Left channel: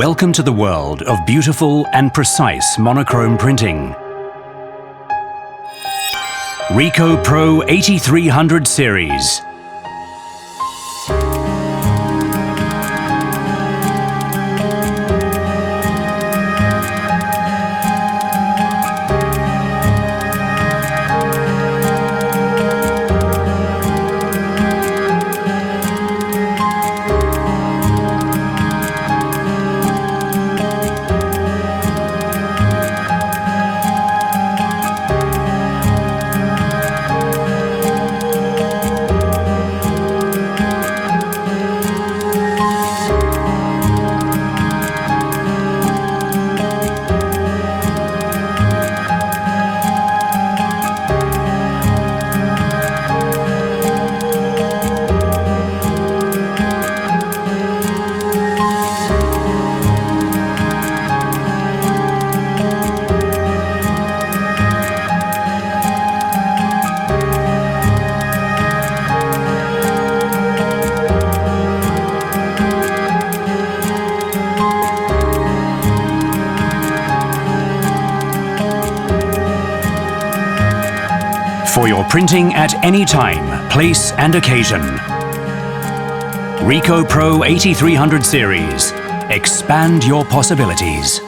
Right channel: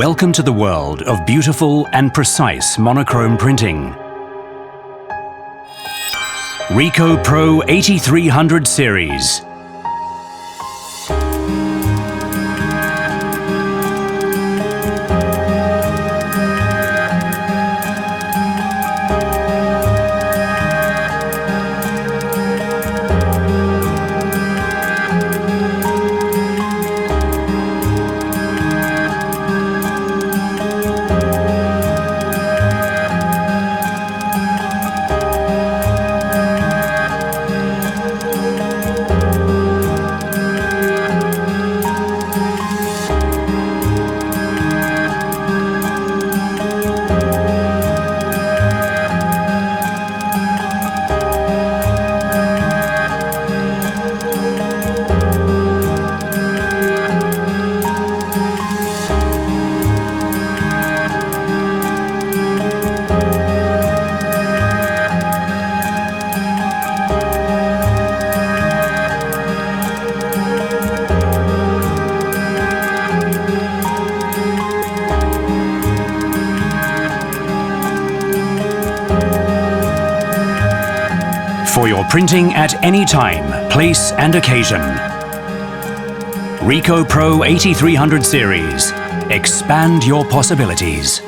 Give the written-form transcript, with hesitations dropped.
Welcome to the world of beautiful and precise monochrome printing. RICOH Pro 8300 series. For your printing at any time, place and occasion. RICOH Pro 8300 series. Expand your possibilities.